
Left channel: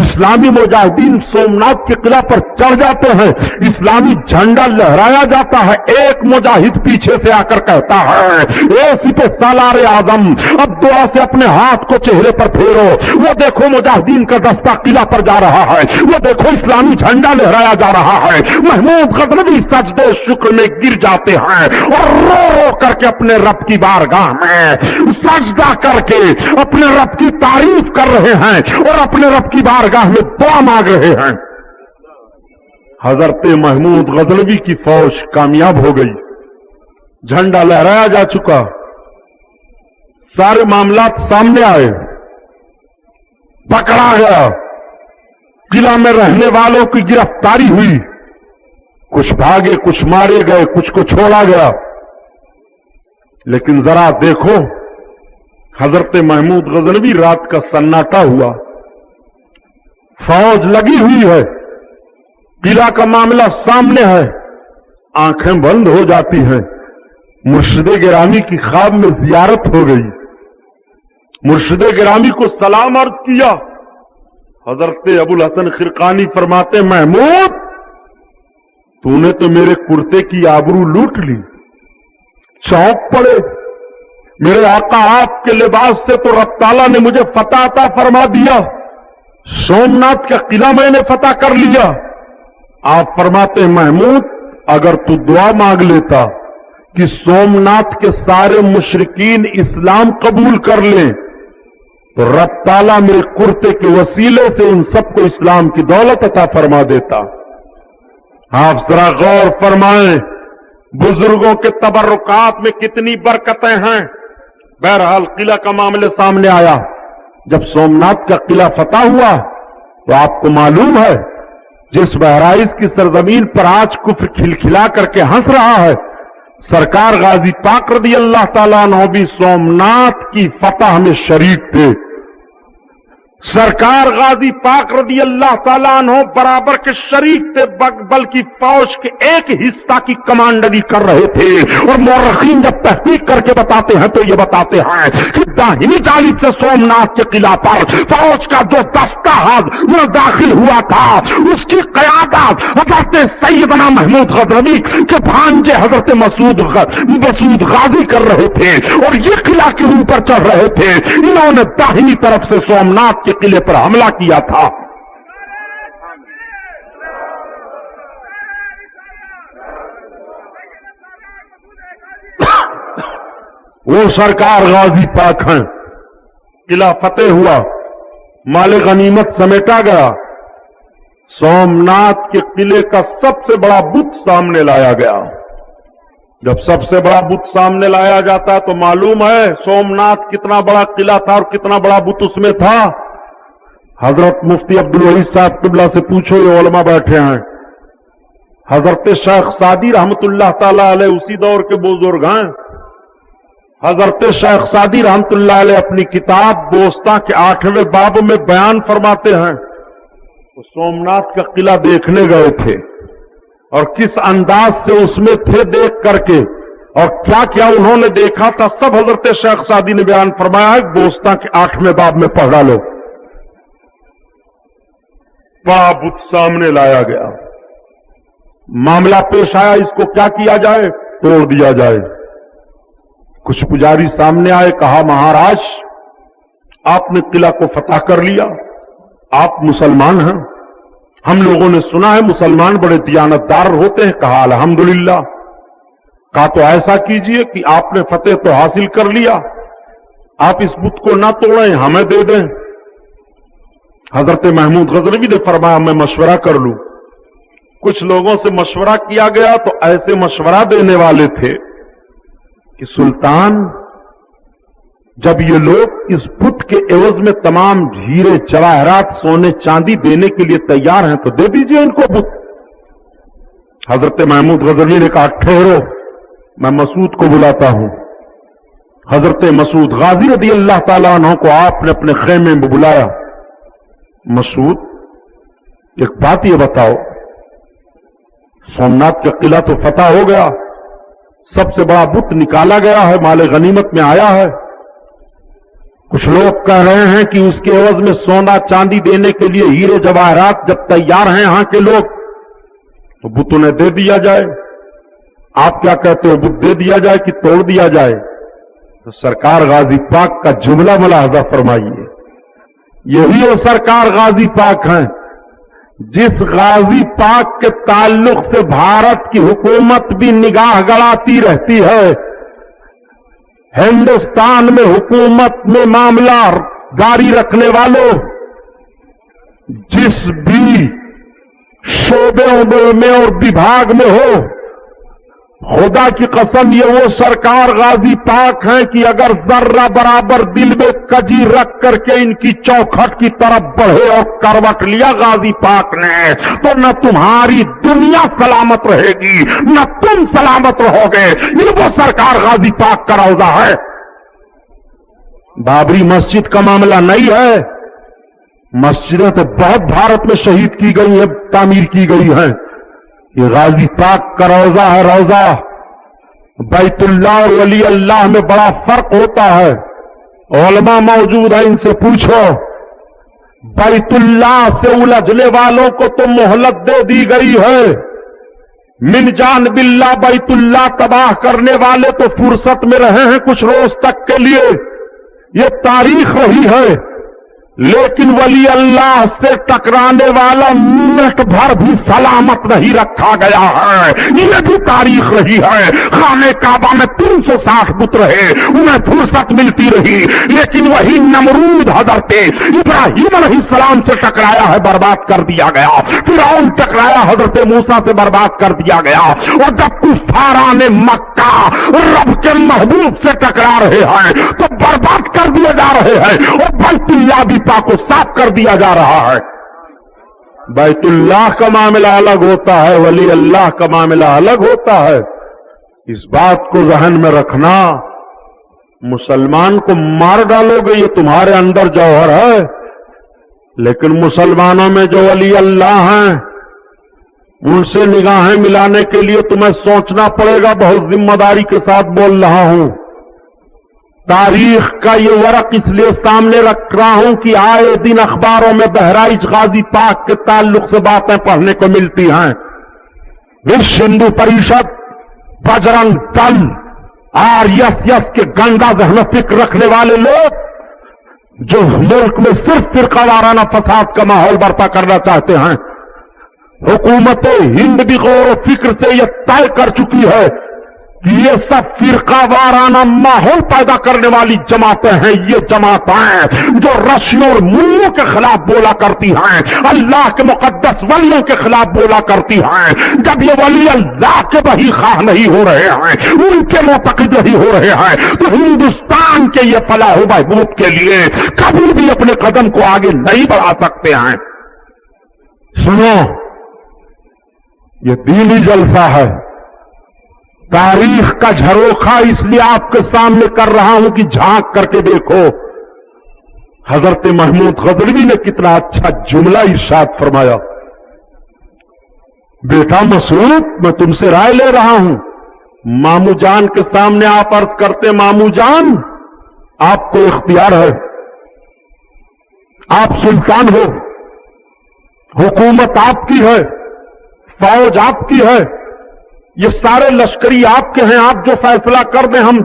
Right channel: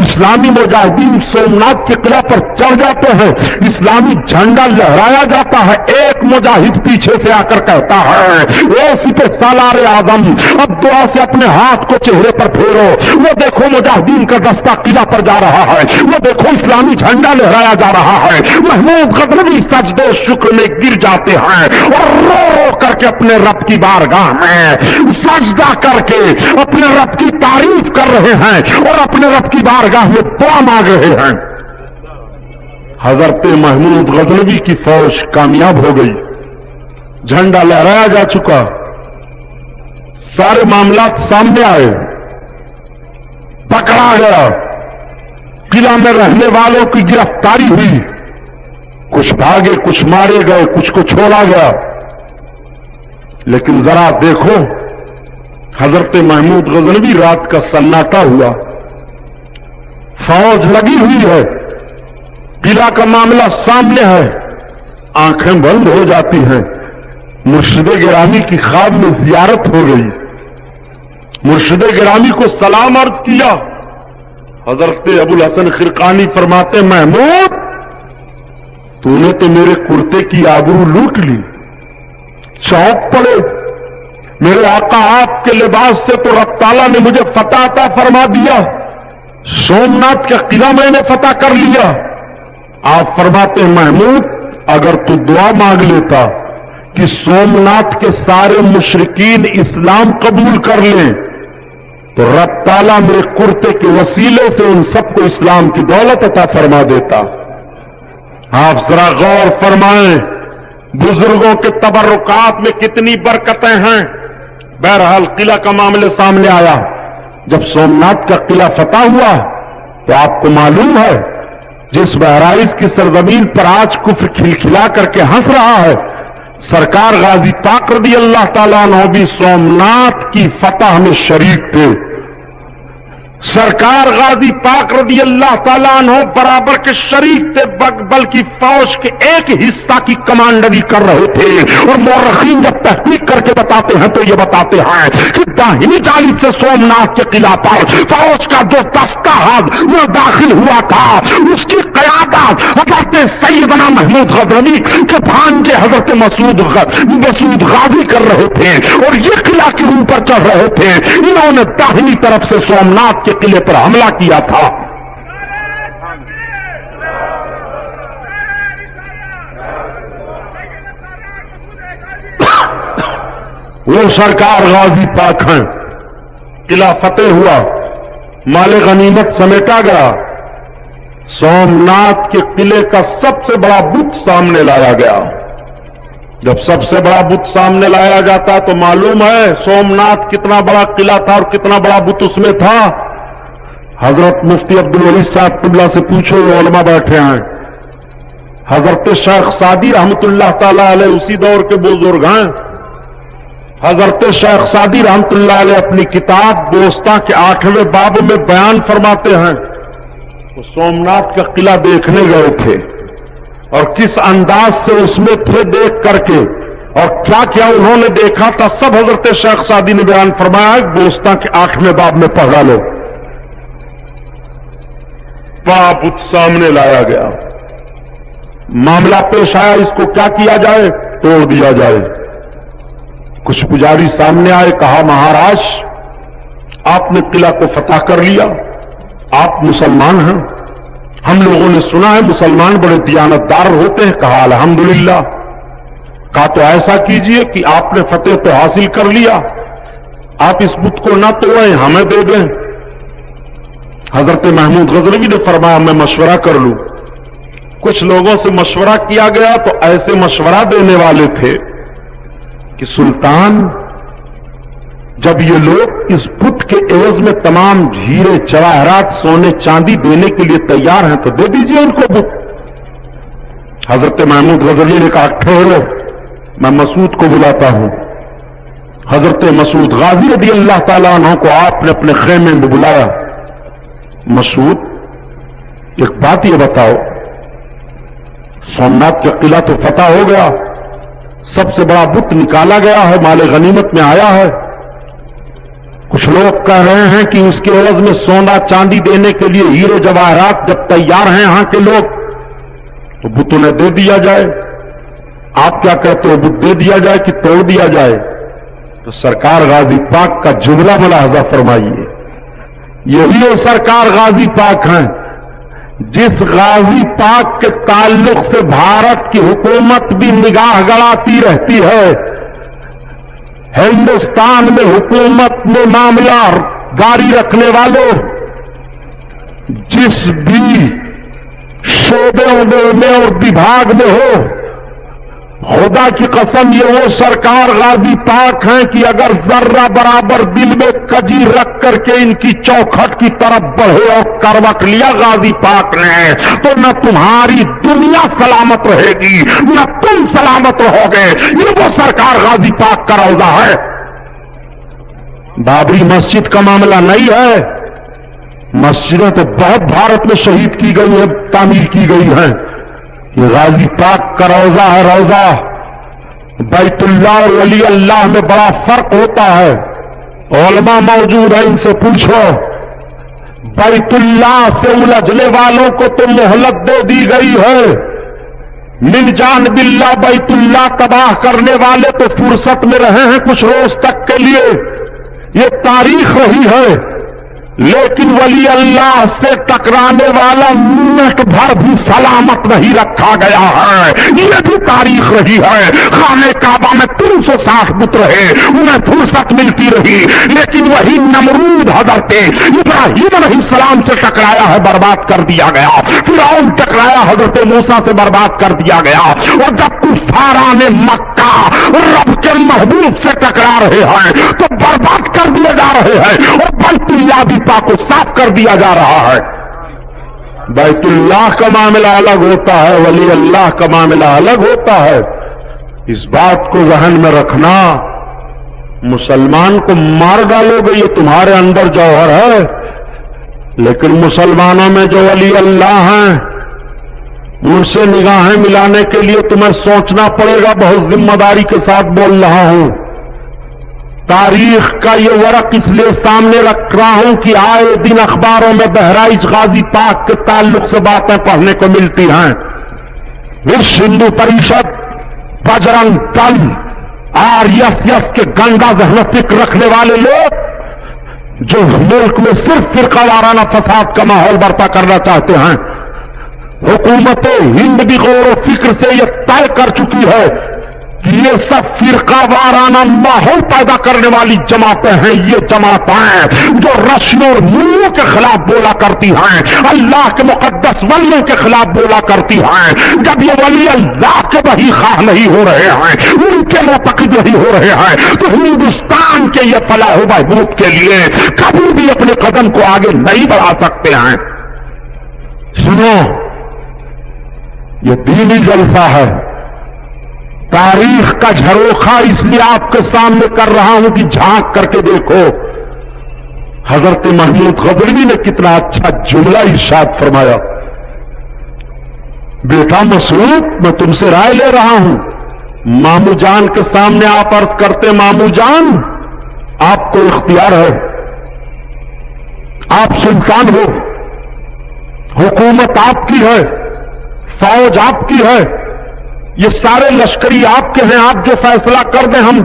اسلامی مجاہدین سومناتھ کے قلعہ پر چڑھ جاتے ہیں، اسلامی جھنڈا لہرایا جاتا ہے، ایک مجاہد پیچھے سے آ کر کہتا ہے اے سپہ سالار اعظم اب دعا سے اپنے ہاتھ کو چہرے پر پھیرو، وہ دیکھو مجاہدین کا دستہ قلعہ پر جا رہا ہے، وہ دیکھو اسلامی جھنڈا لہرایا جا رہا ہے۔ محمود غزنوی سجدے شکر میں گر جاتے ہیں اور رو رو کر کے اپنے رب کی بارگاہ میں سجدہ کر کے اپنے رب کی تعریف کر رہے ہیں اور اپنے رب کی بارگاہ میں دعا مانگ رہے ہیں۔ حضرت محمود غزنوی کی فوج کامیاب ہو گئی، جھنڈا لہرایا جا چکا، سارے معاملات سامنے آئے، پکڑا گیا، قلعہ میں رہنے والوں کی گرفتاری ہوئی، کچھ بھاگے، کچھ مارے گئے، کچھ کو چھوڑا گیا۔ لیکن ذرا دیکھو حضرت محمود غزنوی رات کا سناٹا ہوا، فوج لگی ہوئی ہے، قلعہ کا معاملہ سامنے ہے، آنکھیں بند ہو جاتی ہیں۔ مرشد گرامی کی خواب میں زیارت ہو گئی، مرشد گرامی کو سلام عرض کیا۔ حضرت ابو الحسن خرقانی فرماتے محمود تو نے تو میرے کرتے کی آبرو لوٹ لی، چونک پڑے، میرے آقا آپ کے لباس سے تو رب تعالیٰ نے مجھے فتح عطا فرما دیا، سومناتھ کا قلعہ میں نے فتح کر لیا۔ آپ فرماتے ہیں محمود اگر تو دعا مانگ لیتا کہ سومناتھ کے سارے مشرکین اسلام قبول کر لیں تو رب تعالیٰ میرے کرتے کے وسیلے سے ان سب کو اسلام کی دولت عطا فرما دیتا۔ آپ ذرا غور فرمائیں بزرگوں کے تبرکات میں کتنی برکتیں ہیں۔ بہرحال قلعہ کا معاملے سامنے آیا، جب سومناتھ کا قلعہ فتح ہوا تو آپ کو معلوم ہے جس بہرائچ کی سرزمین پر آج کفر کھلکھلا کر کے ہنس رہا ہے، سرکار غازی پاک رضی اللہ تعالیٰ عنہ بھی سومناتھ کی فتح میں شریک تھے۔ سرکار غازی پاک رضی اللہ تعالیٰ عنہ برابر کے شریک تھے، بلکہ فوج کے ایک حصہ کی کمانڈری کر رہے تھے۔ اور مورخین جب تحقیق کر کے بتاتے ہیں تو یہ بتاتے ہیں کہ داہنی جانب سے سومناتھ کے قلعہ پر فوج کا جو دستہ وہ داخل ہوا تھا اس کی قیادت حضرت سیدنا محمود غزنوی کے بھانجے حضرت مسعود غازی کر رہے تھے اور یہ قلعہ کے اوپر چڑھ رہے تھے۔ انہوں نے داہنی طرف سے سومناتھ کے قلعے پر حملہ کیا تھا۔ وہ سرکار غازی پاک ہیں، قلعہ فتح ہوا، مال غنیمت سمیٹا گیا، سومناتھ کے قلعے کا سب سے بڑا بت سامنے لایا گیا۔ جب سب سے بڑا بت سامنے لایا جاتا تو معلوم ہے سومناتھ کتنا بڑا قلعہ تھا اور کتنا بڑا بت اس میں تھا۔ حضرت مفتی عبدالوحید صاحب قبلہ سے پوچھو، علماء بیٹھے ہیں، حضرت شیخ سعدی رحمت اللہ تعالی علیہ اسی دور کے بزرگ ہیں۔ حضرت شیخ سعدی رحمت اللہ علیہ اپنی کتاب دوستاں کے 8ویں باب میں بیان فرماتے ہیں وہ سومناتھ کا قلعہ دیکھنے گئے تھے اور کس انداز سے اس میں تھے دیکھ کر کے اور کیا کیا انہوں نے دیکھا تھا، سب حضرت شیخ سعدی نے بیان فرمایا۔ دوستاں کے 8ویں باب میں پڑھا لو۔ بڑا بت سامنے لایا گیا، معاملہ پیش آیا اس کو کیا کیا جائے، توڑ دیا جائے۔ کچھ پجاری سامنے آئے، کہا مہاراج آپ نے قلعہ کو فتح کر لیا، آپ مسلمان ہیں، ہم لوگوں نے سنا ہے مسلمان بڑے دیانتدار ہوتے ہیں۔ کہا الحمدللہ۔ کہا تو ایسا کیجئے کہ آپ نے فتح تو حاصل کر لیا، آپ اس بت کو نہ توڑیں، ہمیں دے دیں۔ حضرت محمود غزنوی نے فرمایا میں مشورہ کر لوں۔ کچھ لوگوں سے مشورہ کیا گیا تو ایسے مشورہ دینے والے تھے کہ سلطان جب یہ لوگ اس بت کے عوض میں تمام ہیرے جواہرات سونے چاندی دینے کے لیے تیار ہیں تو دے دیجئے ان کو بت۔ حضرت محمود غزنوی نے کہا ٹھہرو، میں مسعود کو بلاتا ہوں۔ حضرت مسعود غازی رضی اللہ تعالیٰ عنہ کو آپ نے اپنے خیمے میں بلایا۔ مسعود ایک بات یہ بتاؤ، سومناتھ کا قلعہ تو فتح ہو گیا، سب سے بڑا بت نکالا گیا ہے، مال غنیمت میں آیا ہے، کچھ لوگ کہہ رہے ہیں کہ اس کے عوض میں سونا چاندی دینے کے لیے ہیرو جواہرات جب تیار ہیں یہاں کے لوگ تو بت انہیں دے دیا جائے. آپ کیا کہتے ہو, بت دے دیا جائے کہ توڑ دیا جائے؟ تو سرکار غازی پاک کا جملہ ملاحظہ فرمائیے. یہی وہ سرکار غازی پاک ہیں جس غازی پاک کے تعلق سے بھارت کی حکومت بھی نگاہ گڑاتی رہتی ہے. ہندوستان میں حکومت میں معاملہ جاری رکھنے والوں جس بھی شعبے میں اور وبھاگ میں ہو, خدا کی قسم یہ وہ سرکار غازی پاک ہیں کہ اگر ذرہ برابر دل میں کجی رکھ کر کے ان کی چوکھٹ کی طرف بڑھے اور کروٹ لیا غازی پاک نے تو نہ تمہاری دنیا سلامت رہے گی نہ تم سلامت رہو گے. یہ وہ سرکار غازی پاک کا روضہ ہے. بابری مسجد کا معاملہ نہیں ہے. مسجدیں تو بہت بھارت میں شہید کی گئی ہیں, تعمیر کی گئی ہیں. یہ غازی پاک کا روضہ ہے. روضہ بیت اللہ اور ولی اللہ میں بڑا فرق ہوتا ہے. علماء موجود ہیں, ان سے پوچھو. بیت اللہ سے الجھنے والوں کو تو مہلت دے دی گئی ہے. من جان باللہ بیت اللہ تباہ کرنے والے تو فرصت میں رہے ہیں کچھ روز تک کے لیے. یہ تاریخ رہی ہے. لیکن ولی اللہ سے ٹکرانے والا منٹ بھر بھی سلامت نہیں رکھا گیا ہے. یہ بھی تاریخ رہی ہے. خانہ کعبہ میں 360 بت رہے, انہیں فرصت ملتی رہی, لیکن وہی نمرود حضرت ابراہیم علیہ السلام سے ٹکرایا ہے, برباد کر دیا گیا. فرعون ٹکرایا حضرت موسیٰ سے, برباد کر دیا گیا. اور جب کفاران مکہ رب کے محبوب سے ٹکرا رہے ہیں تو برباد کر دیے جا رہے ہیں, اور بیت اللہ بھی کو صاف کر دیا جا رہا ہے. بیت اللہ کا معاملہ الگ ہوتا ہے, ولی اللہ کا معاملہ الگ ہوتا ہے. اس بات کو ذہن میں رکھنا. مسلمان کو مار ڈالو گے یہ تمہارے اندر جوہر ہے, لیکن مسلمانوں میں جو ولی اللہ ہیں ان سے نگاہیں ملانے کے لیے تمہیں سوچنا پڑے گا. بہت ذمہ داری کے ساتھ بول رہا ہوں. تاریخ کا یہ ورق اس لیے سامنے رکھ رہا ہوں کہ آئے دن اخباروں میں بہرائچ غازی پاک کے تعلق سے باتیں پڑھنے کو ملتی ہیں. وشو ہندو پریشد, بجرنگ دل, RSS کے گندا ذہن فکر رکھنے والے لوگ جو ملک میں صرف فرقہ وارانہ فساد کا ماحول برپا کرنا چاہتے ہیں. حکومت ہند بھی غور و فکر سے یہ طے کر چکی ہے کہ یہ سب فرقہ وارانہ ماحول پیدا کرنے والی جماعتیں ہیں. یہ جماعتیں جو رشیوں اور ملوں کے خلاف بولا کرتی ہیں, اللہ کے مقدس ولیوں کے خلاف بولا کرتی ہیں. جب یہ ولی اللہ کے وہی خواہ نہیں ہو رہے ہیں, ان کے معتقد نہیں ہو رہے ہیں, تو ہندوستان کے یہ فلاح و بہبود کے لیے کبھی بھی اپنے قدم کو آگے نہیں بڑھا سکتے ہیں. سنو, یہ دینی جلسہ ہے. تاریخ کا جھروکھا اس لیے آپ کے سامنے کر رہا ہوں کہ جھانک کر کے دیکھو. حضرت محمود غزنوی نے کتنا اچھا جملہ ارشاد فرمایا. بیٹا مسعود, میں تم سے رائے لے رہا ہوں. مامو جان کے سامنے آپ عرض کرتے, مامو جان آپ کو اختیار ہے, آپ سلطان ہو, حکومت آپ کی ہے, فوج آپ کی ہے, یہ سارے لشکری آپ کے ہیں, آپ جو فیصلہ کر دیں ہم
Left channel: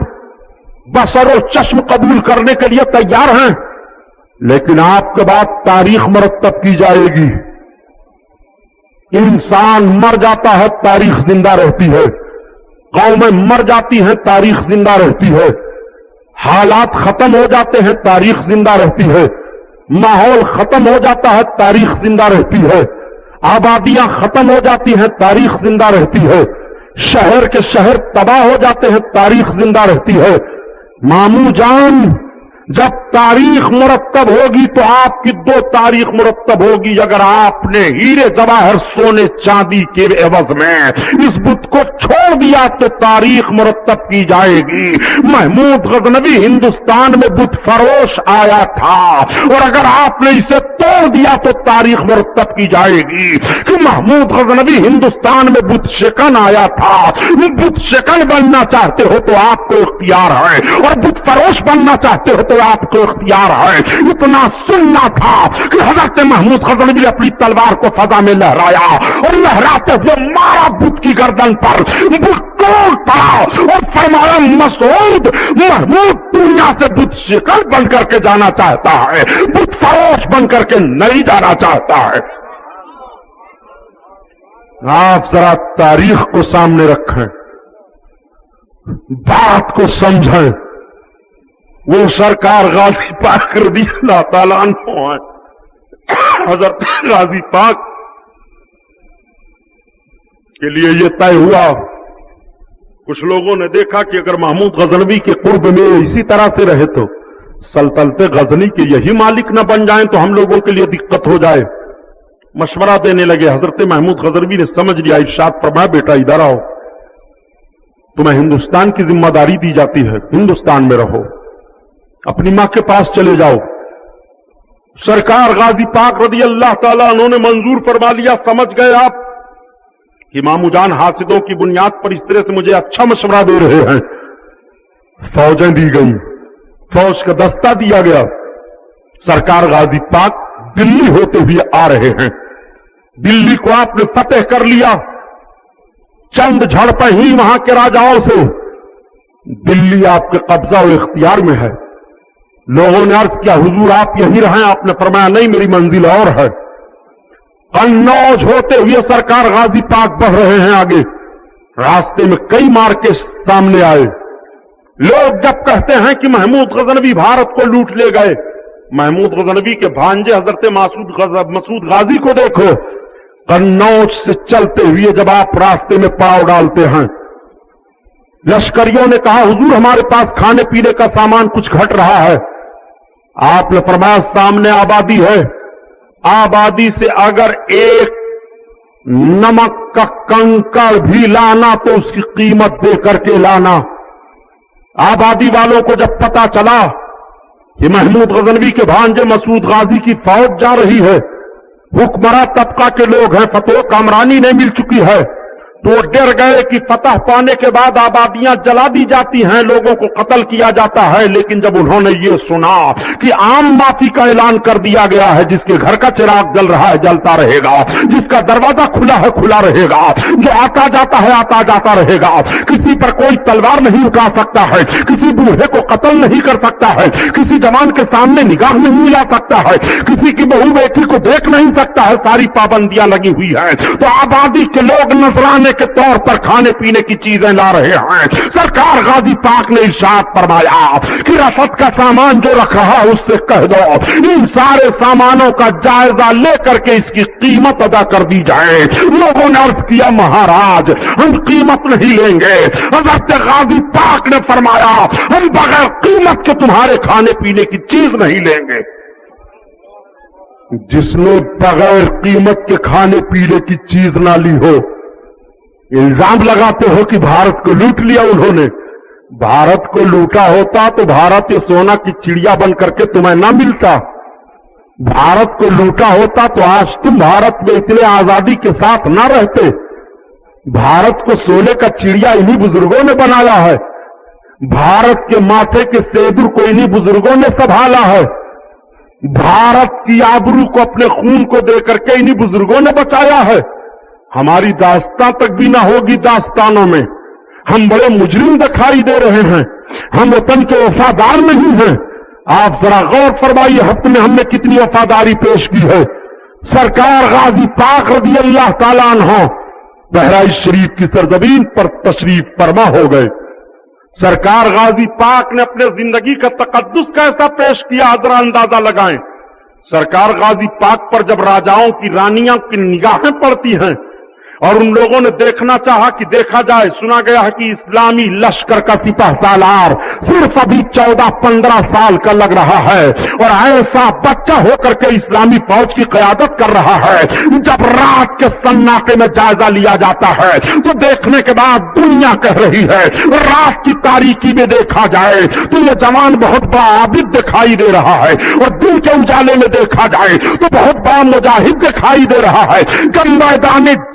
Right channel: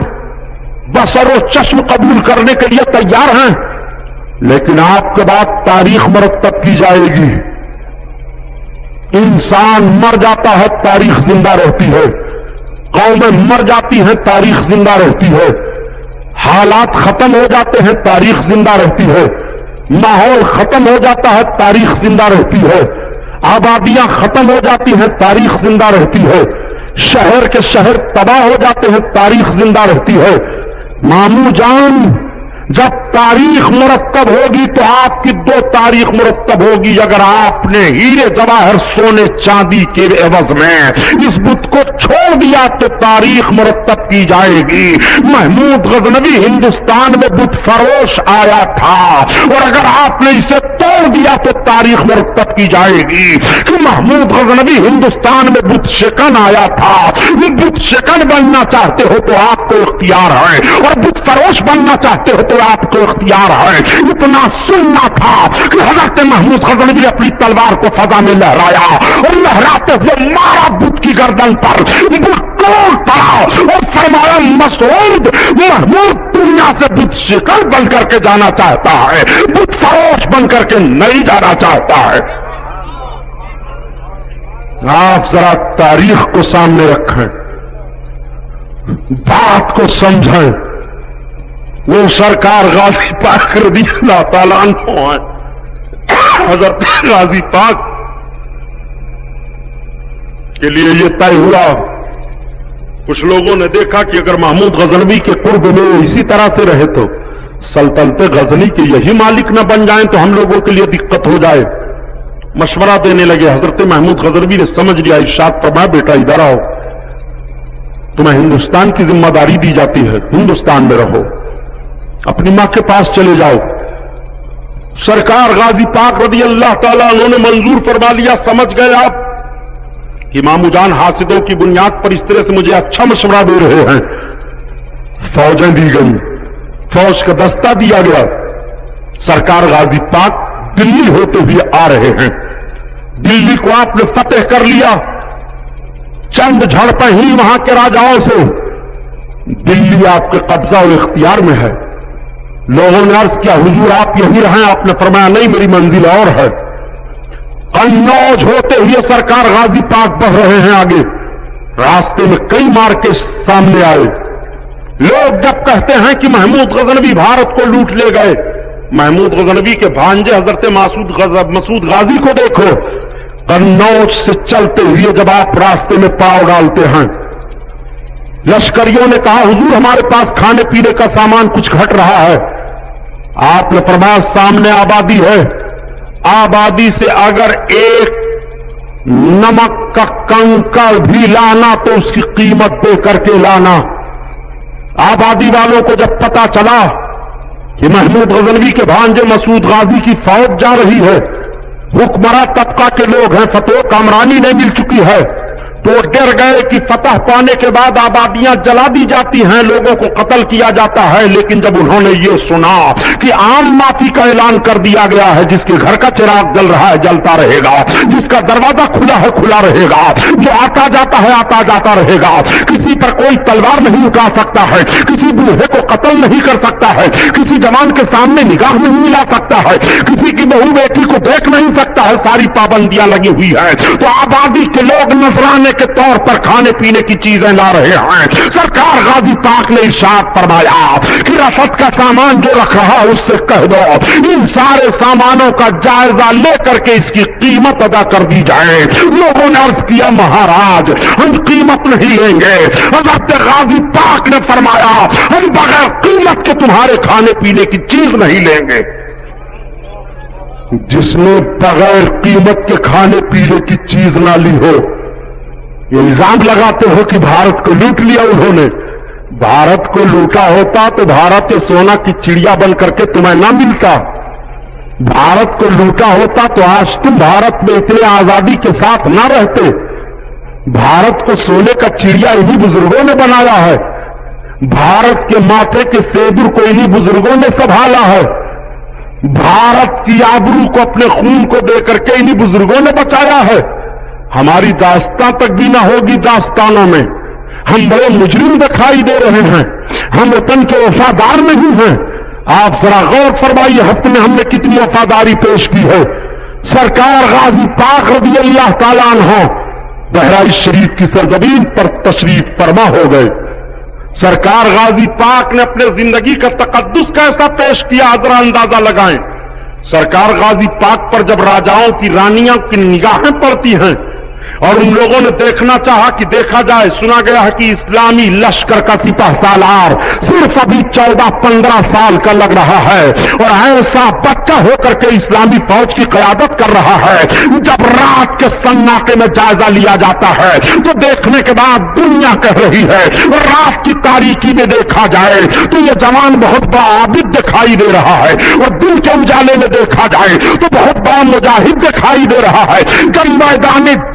بسر و چشم قبول کرنے کے لیے تیار ہیں. لیکن آپ کے بعد تاریخ مرتب کی جائے گی. انسان مر جاتا ہے, تاریخ زندہ رہتی ہے. قومیں مر جاتی ہیں, تاریخ زندہ رہتی ہے. حالات ختم ہو جاتے ہیں, تاریخ زندہ رہتی ہے. ماحول ختم ہو جاتا ہے, تاریخ زندہ رہتی ہے. آبادیاں ختم ہو جاتی ہیں, تاریخ زندہ رہتی ہے. شہر کے شہر تباہ ہو جاتے ہیں, تاریخ زندہ رہتی ہے. مامو جان, جب تاریخ مرتب ہوگی تو آپ کی 2 تاریخ مرتب ہوگی. اگر آپ نے ہیرے جواہر سونے چاندی کے عوض میں اس بت کو چھوڑ دیا تو تاریخ مرتب کی جائے گی. محمود غزنوی ہندوستان میں بت فروش آیا تھا, اور اگر آپ نے اسے توڑ دیا تو تاریخ مرتب کی جائے گی کہ محمود غزنوی ہندوستان میں بت شکن آیا تھا. یہ بت شکن بننا چاہتے ہو تو آپ کو اختیار ہے, اور بت فروش بننا چاہتے ہو تو آپ کو اختیار ہے. اتنا سننا تھا کہ حضرت محمود غزنوی اپنی تلوار کو فضا میں لہرایا اور لہراتے ہوئے مارا بت کی گردن پر, بت ٹوٹ پڑا اور فرمایا مسعود, محمود دنیا سے بت شکن بن کر کے جانا چاہتا ہے, بت فروش بن کر کے نہیں جانا چاہتا ہے. آپ ذرا تاریخ کو سامنے رکھیں, بات کو سمجھیں. وہ سرکار غازی پاک رضی اللہ تعالیٰ عنہ ہیں. حضرت غازی پاک کے لیے یہ طے ہوا, کچھ لوگوں نے دیکھا کہ اگر محمود غزنوی کے قرب میں اسی طرح سے رہے تو سلطنت غزنی کے یہی مالک نہ بن جائیں تو ہم لوگوں کے لیے دقت ہو جائے. مشورہ دینے لگے. حضرت محمود غزنوی نے سمجھ لیا, ارشاد فرمایا بیٹا ادھر آؤ, تمہیں ہندوستان کی ذمہ داری دی جاتی ہے, ہندوستان میں رہو, اپنی ماں کے پاس چلے جاؤ. سرکار غازی پاک رضی اللہ تعالیٰ انہوں نے منظور فرما لیا. سمجھ گئے آپ امام جان حاسدوں کی بنیاد پر اس طرح سے مجھے اچھا مشورہ دے رہے ہیں. فوجیں دی گئی, فوج کا دستہ دیا گیا. سرکار غازی پاک دلی ہوتے ہوئے آ رہے ہیں. دلی کو آپ نے فتح کر لیا. چند جھڑپیں ہی وہاں کے راجاؤں سے. دلی آپ کے قبضہ و اختیار میں ہے. لوگوں نے عرض کیا حضور آپ یہیں رہیں, آپ نے فرمایا نہیں میری منزل اور ہے. قنوج ہوتے ہوئے سرکار غازی پاک بڑھ رہے ہیں آگے. راستے میں کئی مارکے سامنے آئے. لوگ جب کہتے ہیں کہ محمود غزنوی بھارت کو لوٹ لے گئے, محمود غزنوی کے بھانجے حضرت مسعود غازی کو دیکھو. قنوج سے چلتے ہوئے جب آپ راستے میں پاؤں ڈالتے ہیں, لشکریوں نے کہا حضور ہمارے پاس کھانے پینے کا سامان کچھ گھٹ رہا ہے. آپ نے فرمایا سامنے آبادی ہے, آبادی سے اگر ایک نمک کا کنکڑ بھی لانا تو اس کی قیمت دے کر کے لانا. آبادی والوں کو جب پتا چلا کہ محمود غزنوی کے بھانجے مسعود غازی کی فوج جا رہی ہے, حکمراں طبقہ کے لوگ ہیں, فتح کامرانی نہیں مل چکی ہے, تو ڈر گئے کہ فتح پانے کے بعد آبادیاں جلا دی جاتی ہیں, لوگوں کو قتل کیا جاتا ہے. لیکن جب انہوں نے یہ سنا کہ عام معافی کا اعلان کر دیا گیا ہے, جس کے گھر کا چراغ جل رہا ہے جلتا رہے گا, جس کا دروازہ کھلا ہے کھلا رہے گا, جو آتا جاتا ہے آتا جاتا رہے گا, کسی پر کوئی تلوار نہیں اٹھا سکتا ہے, کسی بوڑھے کو قتل نہیں کر سکتا ہے, کسی جوان کے سامنے نگاہ نہیں ملا سکتا ہے, کسی کی بہو بیٹی کو دیکھ نہیں سکتا ہے, ساری پابندیاں لگی ہوئی ہیں, تو آبادی کے لوگ نذرانے کے طور پر کھانے پینے کی چیزیں لا رہے ہیں. سرکار غازی پاک نے ارشاد فرمایا کہ رفت کا سامان جو رکھ رہا اس سے کہہ دو ان سارے سامانوں کا جائزہ لے کر کے اس کی قیمت ادا کر دی جائے. لوگوں نے عرض کیا مہاراج ہم قیمت نہیں لیں گے. حضرت غازی پاک نے فرمایا ہم بغیر قیمت کے تمہارے کھانے پینے کی چیز نہیں لیں گے. جس نے بغیر قیمت کے کھانے پینے کی چیز نہ لی ہو, یہ الزام لگاتے ہو کہ بھارت کو لوٹ لیا انہوں نے. بھارت کو لوٹا ہوتا تو بھارت کے سونا کی چڑیا بن کر کے تمہیں نہ ملتا. بھارت کو لوٹا ہوتا تو آج تم بھارت میں اتنے آزادی کے ساتھ نہ رہتے. بھارت کو سونے کا چڑیا انہی بزرگوں نے بنایا ہے. بھارت کے ماتھے کے سیدور کو انہی بزرگوں نے سنبھالا ہے. بھارت کی آبرو کو اپنے خون کو دے کر کے انہی بزرگوں نے بچایا ہے. ہماری داستان تک بھی نہ ہوگی داستانوں میں. ہم بڑے مجرم دکھائی دے رہے ہیں, ہم وطن کے وفادار نہیں ہیں. آپ ذرا غور فرمائیے ہفتے میں ہم نے کتنی وفاداری پیش کی ہے. سرکار غازی پاک رضی اللہ تعالیٰ عنہ بہرائچ شریف کی سرزمین پر تشریف فرما ہو گئے. سرکار غازی پاک نے اپنے زندگی کا تقدس کیسا پیش کیا ذرا اندازہ لگائیں. سرکار غازی پاک پر جب راجاؤں کی رانیاں کی نگاہیں پڑتی ہیں اور ان لوگوں نے دیکھنا چاہا کہ دیکھا جائے, سنا گیا ہے کہ اسلامی لشکر کا سپہ سالار صرف ابھی 14-15 سال کا لگ رہا ہے اور ایسا بچہ ہو کر کے اسلامی فوج کی قیادت کر رہا ہے. جب رات کے سناٹے میں جائزہ لیا جاتا ہے تو دیکھنے کے بعد دنیا کہہ رہی ہے, رات کی تاریکی میں دیکھا جائے تو یہ جوان بہت بڑا عابد دکھائی دے رہا ہے, اور دن کے اجالے میں دیکھا جائے تو بہت بڑا مجاہد دکھائی دے رہا ہے. جب میدان